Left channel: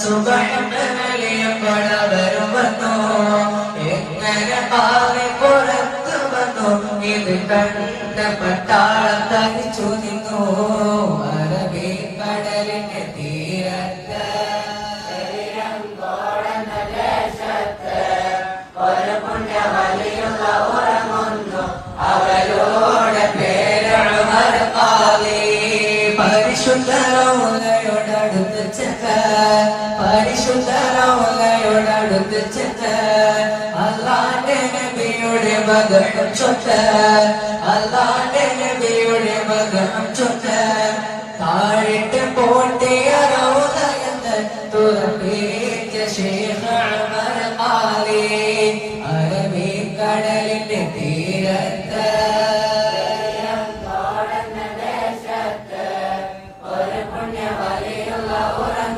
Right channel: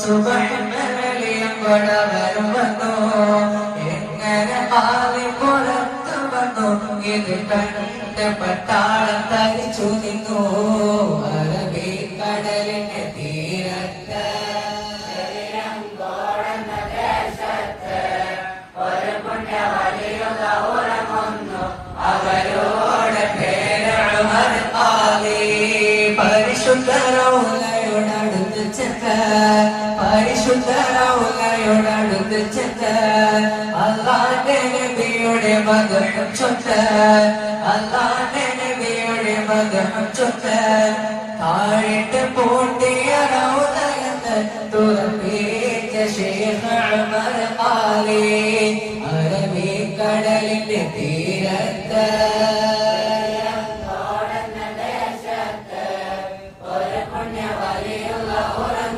സുബ്ഹാനലിയം കൊടവരും വന്നു എങ്ങനെ പാതി പുറത്തു വന്നു ഇത് കണ്ട പട്ടാളം തരിച്ചു നിന്നു അറബി കടലിന്റെ തീരത്ത് ഒരു പുണ്യ വലിയുള്ള ഉറങ്ങുന്നു അവരോട് പേരാണ് മരമാലി പരിശുദ്ധരൗലയോടടുത്ത് ചെക്ക പരിശുദ്ധരൗലയോടടുത്ത് ചെക്ക അല്ലാഹുവിന്റെ നബിയുടെ മദഹ് ചൊല്ല് അല്ലാഹുവിന്റെ നബിയുടെ മദഹ് ചൊല്ല് താഴിട്ട് പോട്ടിയ റൗലയത്ത് തുറപ്പിച്ച